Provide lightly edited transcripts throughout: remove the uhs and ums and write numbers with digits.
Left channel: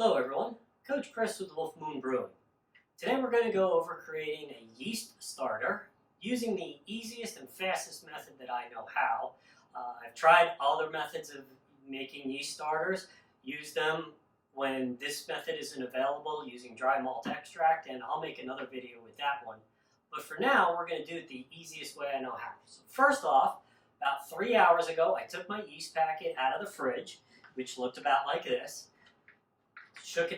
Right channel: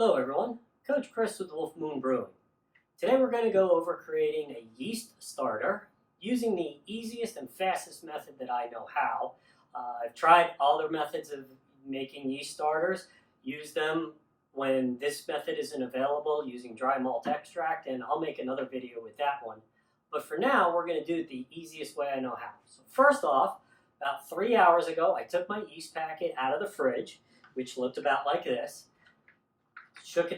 Hello everyone, Coach Chris with WolfMoon Brewing. Today we're going to go over creating a yeast starter using the easiest and fastest method that I know how. I've tried other methods of making yeast starters, used them when this method isn't available using dry malt extract, and I'll make another video with that one. But for now, we're going to do it the easiest way I know how. So first off, about 3 hours ago, I took my yeast packet out of the fridge, which looked about like this. Shook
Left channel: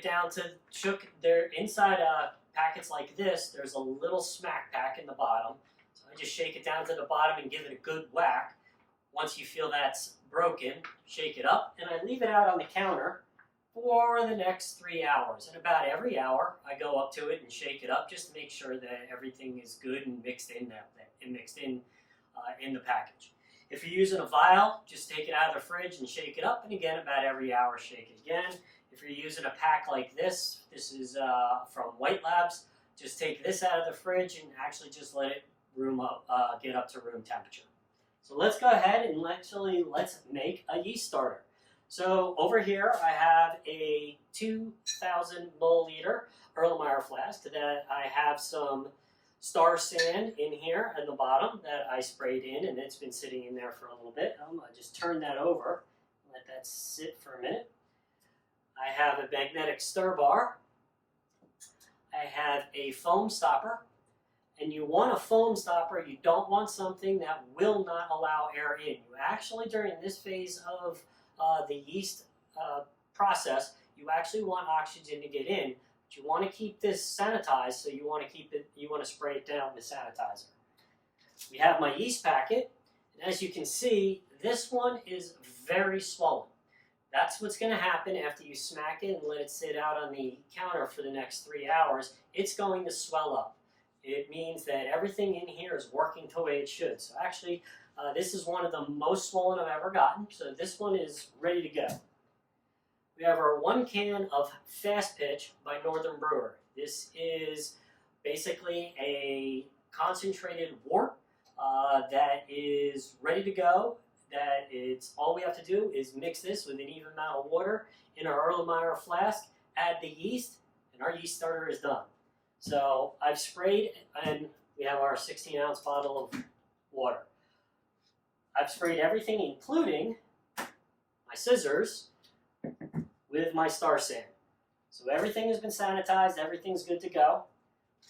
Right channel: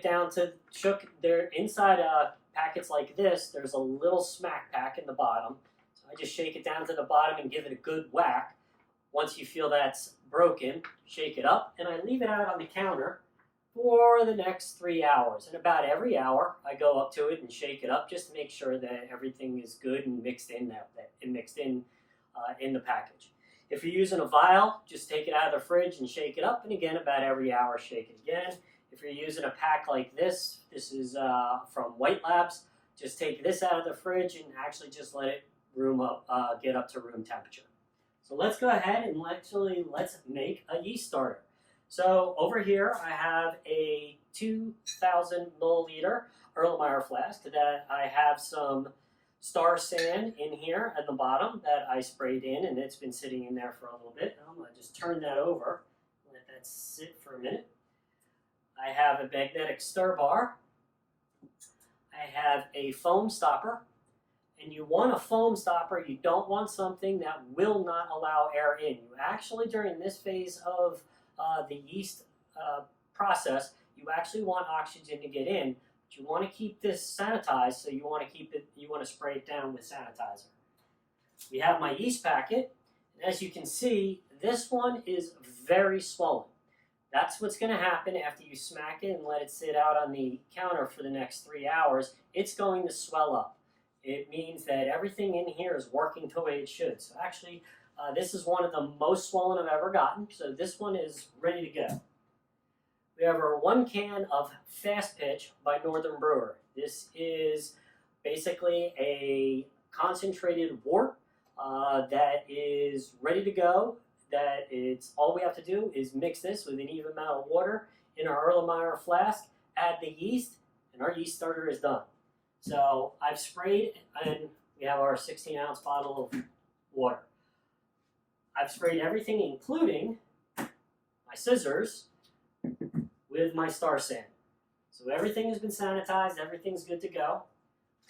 there inside packets like this. There's a little smack pack in the bottom, so I just shake it down to the bottom and give it a good whack. Once you feel that's broken, shake it up, and I leave it out on the counter for the next 3 hours. And about every hour, I go up to it and shake it up just to make sure that everything is good and mixed in in the package. If you're using a vial, just take it out of the fridge and shake it up, and again, about every hour, shake it again. If you're using a pack like this is from White Labs, just take this out of the fridge and actually just let it get up to room temperature. So let's go ahead and let's make a yeast starter. So over here I have a 2,000 milliliter Erlenmeyer flask that I have some Star sand in here at the bottom that I sprayed in, and it's been sitting in there for a little bit. I'm going to just turn that over, let that sit for a minute. I have a magnetic stir bar. I have a foam stopper. And you want a foam stopper. You don't want something that will not allow air in. You actually, during this phase of the yeast process, you actually want oxygen to get in. But you want to keep this sanitized, so you want to spray it down with sanitizer. We have my yeast packet. And as you can see, this one is very swollen. That's what's going to happen after you smack it and let it sit out on the counter for the next 3 hours. It's going to swell up. It means that everything in here is working the way it should. So actually, this is one of the most swollen I've ever gotten. So this one is ready to go. We have our 1 can of FastPitch by Northern Brewer. This is basically a concentrated wort that is ready to go. All we have to do is mix this with an even amount of water in our Erlenmeyer flask, add the yeast, and our yeast starter is done. So I've sprayed, and we have our 16-ounce bottle of water. I've sprayed everything, including my scissors, with my Star sand. So everything has been sanitized, everything's good to go.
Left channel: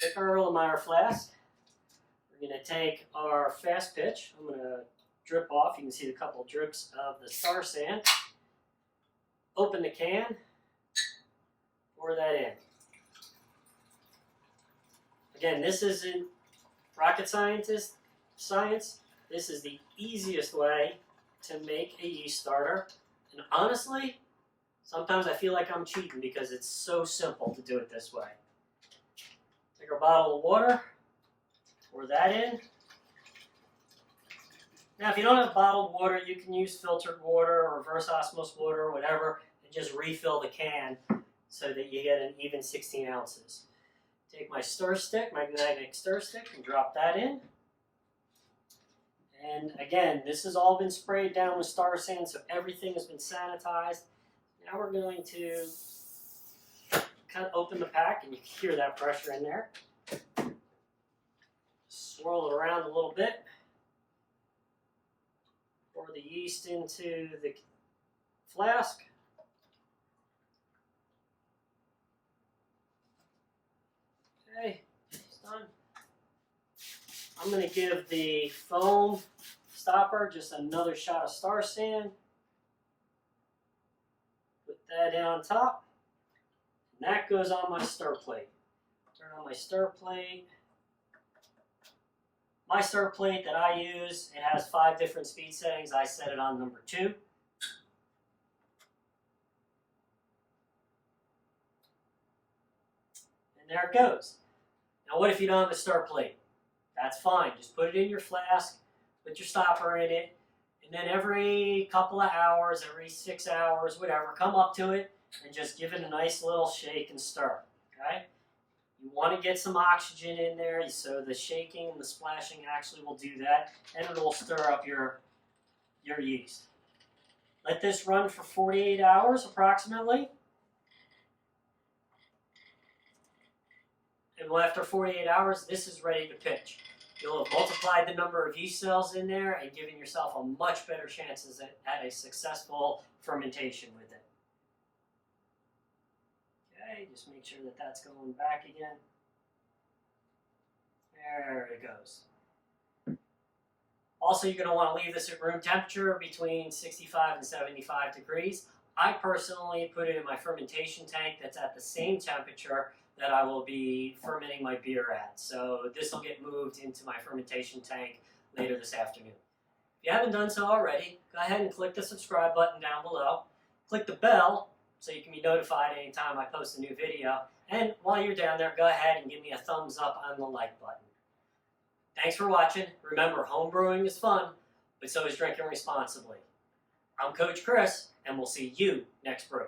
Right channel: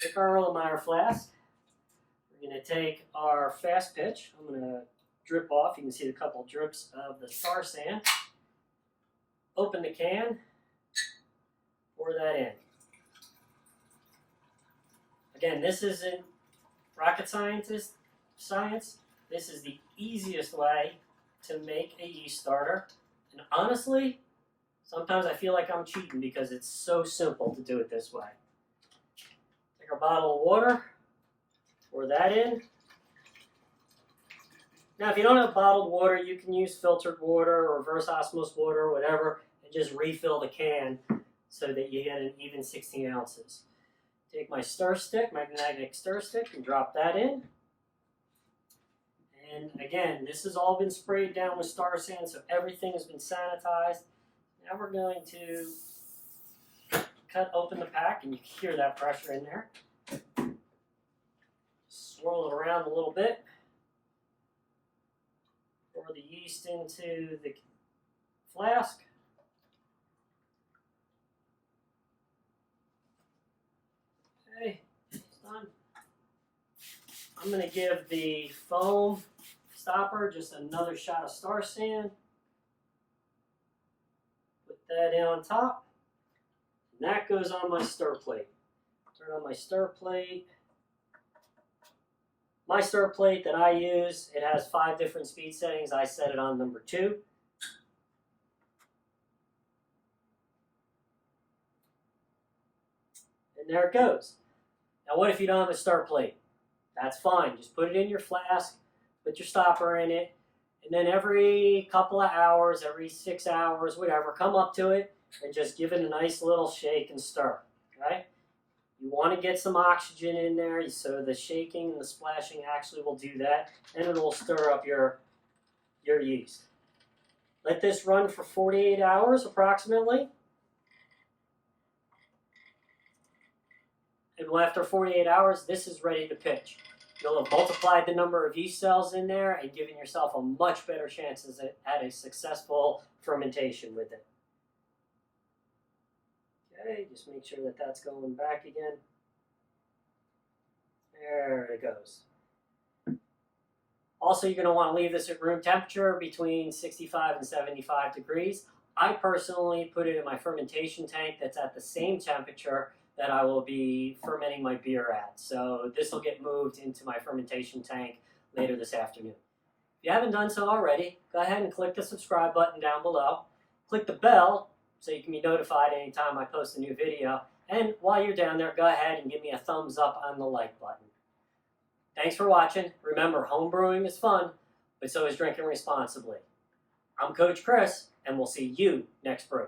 Take our Erlenmeyer flask. We're going to take our FastPitch. I'm going to drip off. You can see the couple drips of the Star sand. Open the can, pour that in. Again, this isn't rocket science. This is the easiest way to make a yeast starter. And honestly, sometimes I feel like I'm cheating because it's so simple to do it this way. Take our bottle of water, pour that in. Now, if you don't have bottled water, you can use filtered water or reverse osmosis water or whatever, and just refill the can so that you get an even 16 ounces. Take my magnetic stir stick, and drop that in. And again, this has all been sprayed down with Star sand, so everything has been sanitized. Now we're going to cut open the pack, and you can hear that pressure in there. Swirl it around a little bit. Pour the yeast into the flask. Okay, it's done. I'm going to give the foam stopper just another shot of Star sand. Put that in on top. And that goes on my stir plate. Turn on my stir plate. My stir plate that I use, it has 5 different speed settings. I set it on number 2. And there it goes. Now what if you don't have a stir plate? That's fine. Just put it in your flask, put your stopper in it, and then every couple of hours, every 6 hours, whatever, come up to it and just give it a nice little shake and stir. Okay? You want to get some oxygen in there, so the shaking and the splashing actually will do that, and it will stir up your yeast. Let this run for 48 hours approximately. and after 48 hours, this is ready to pitch. You'll have multiplied the number of yeast cells in there and given yourself a much better chance at a successful fermentation with it. Okay, just make sure that that's going back again. There it goes. Also, you're going to want to leave this at room temperature between 65 and 75 degrees. I personally put it in my fermentation tank that's at the same temperature that I will be fermenting my beer at. So this will get moved into my fermentation tank later this afternoon. If you haven't done so already, go ahead and click the subscribe button down below. Click the bell so you can be notified anytime I post a new video. And while you're down there, go ahead and give me a thumbs up on the like button. Thanks for watching. Remember, home brewing is fun, but so is drinking responsibly. I'm Coach Chris, and we'll see you next brew.